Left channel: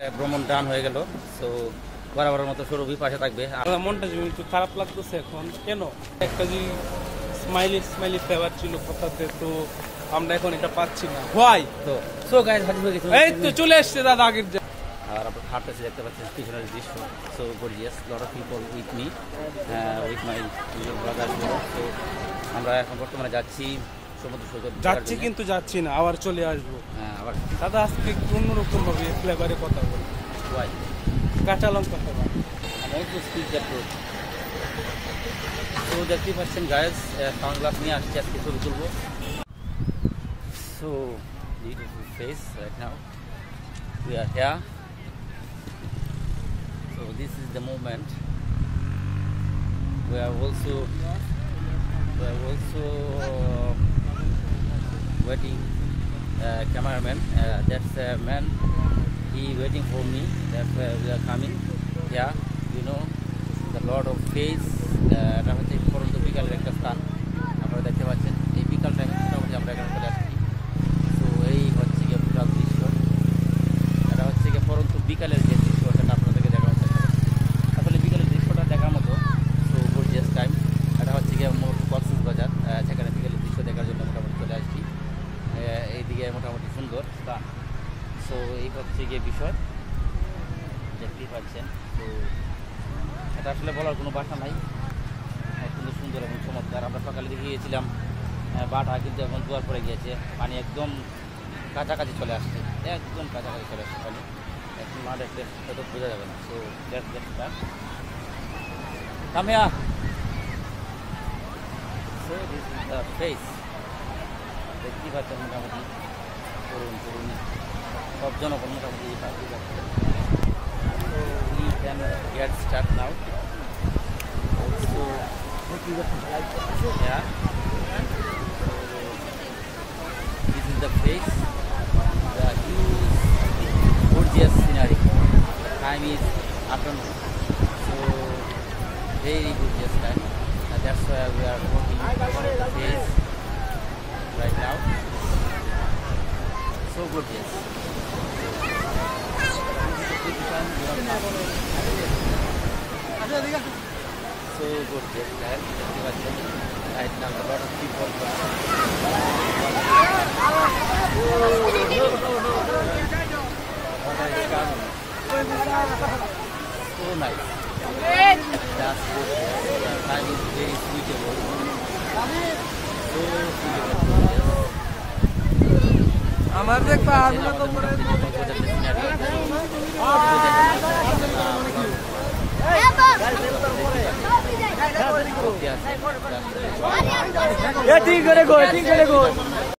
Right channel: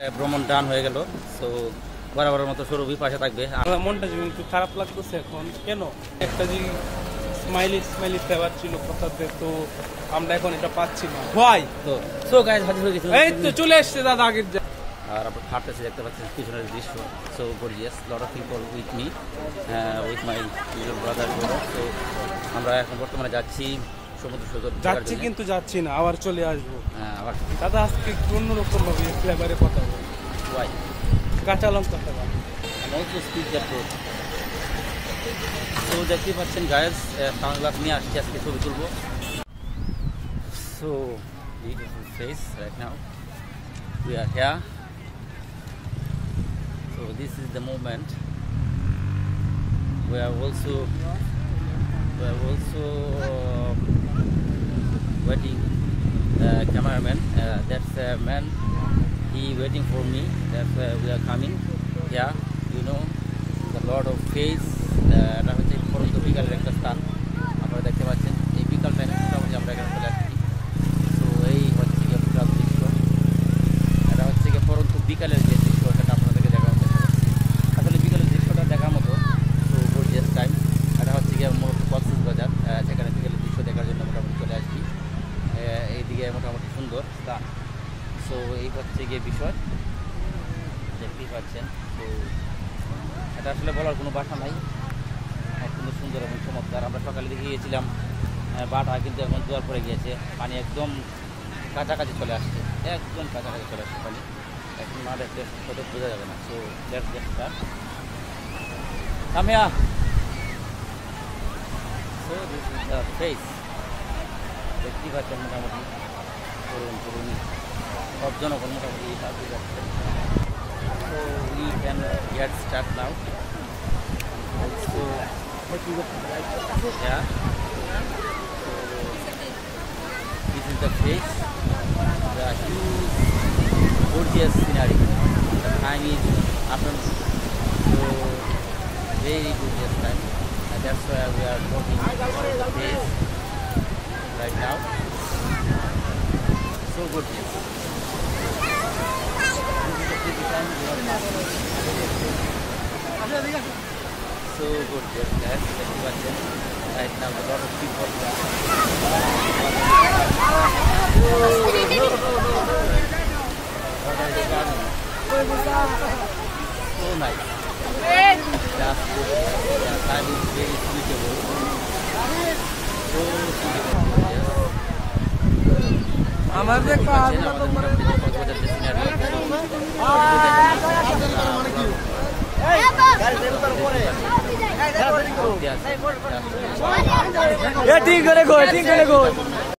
ভ্রমণ ডান হয়ে গেল। তো বরাবরের মতো সৌরভী পাশে থাকবে। আমার মনটা একটু খারাপ লাগতেছে এখন। কেন? একটা যে স্মাইলি ফ্লেভার ছিল কথাতে, তো আমরা এখন এটা পাচ্ছি না। ভাই তো গাইস হাজির হয়ে গেছে, এই তো চলে আসছে দাদা আগের যে। আর আমরা হাঁটতেছি, দেখতে পাচ্ছেন পিছনের দৃশ্য। So gorgeous, lot of people with me, with my little brother. তো আমরা এখন বর্তমানে যাচ্ছি সমুদ্র সৈকত। যাচ্ছি কিন্তু যাচ্ছি না, আবার চলে আসবো। আবার দাদা আজকে অন্যরকম ভাবে ফ্লেভারে কথা বলি। ওয়াই কাঁচা লঙ্কা flavour. Also speak that road. তো দেখতেই পাচ্ছেন গাইস, সানগ্লাস নিয়ে আসছি, আজকে ছবি তুলবো। So beautiful face right now, we are here. So this is the moment. We are also waiting cameraman. That's a man, he waiting for me. That's why we are coming here. You know the Lord of Face. এটা হচ্ছে পরন্ত বিকালের একটা স্থান। আপনারা দেখতে পাচ্ছেন এই বিকাল টাইমে মোটামুটি আমরা এখানে চলে আসছি। তো এই হচ্ছে গিয়ে টোটাল দৃশ্য। এটা হচ্ছে গিয়ে পরন্ত বিকালের যে দৃশ্য, সেটা আপনাদেরকে দেখানোর চেষ্টা করছি। আসলে বিকালের দৃশ্যটা দেখার মতো। তো গর্জিয়াস টাইম। এটা হচ্ছে গিয়ে মূলত কক্সবাজার, সেখানে বিকেলের দৃশ্য দেখার জন্য মোটামুটি চলে আসছি। এইদিকে মোটামুটি সুন্দর স্থান। সো এই হচ্ছে গিয়ে বিষয়, দেখতেই পাচ্ছেন। তো এটা আসলে বলার কোনো ভাষা নাই, অত্যন্ত সুন্দর এবং চমৎকার। আমরা সকালে দেখে গিয়েছিলাম বাটা, কিন্তু এখন জোয়ার পড়ে গিয়েছে, পানি একদম কাছাকাছি চলে আসছে, একদম কাছাকাছি চলে আসছে পানি। এখন না দেখলে হয়তো বোঝা যাবে না। So let's get start. Come here. So this is the face. দেখতেই পাচ্ছেন মোটামুটি তরুণী সব জনগণ মোটামুটি এই পাশে যাচ্ছে। So we can get start now. Also yeah, so this is the face, the huge gorgeous scenery. The time is afternoon, so very gorgeous time, and that's why we are walking on the face right now. So gorgeous. This is the pretty time we are passing. So gorgeous guys, দেখতে পাচ্ছেন right now a lot of people here. Water is coming. So nice. Just gorgeous. The time is very suitable. So suitable, gorgeous. আমাদের মোটামুটি যে কক্সবাজার যে scenery ঠিক করে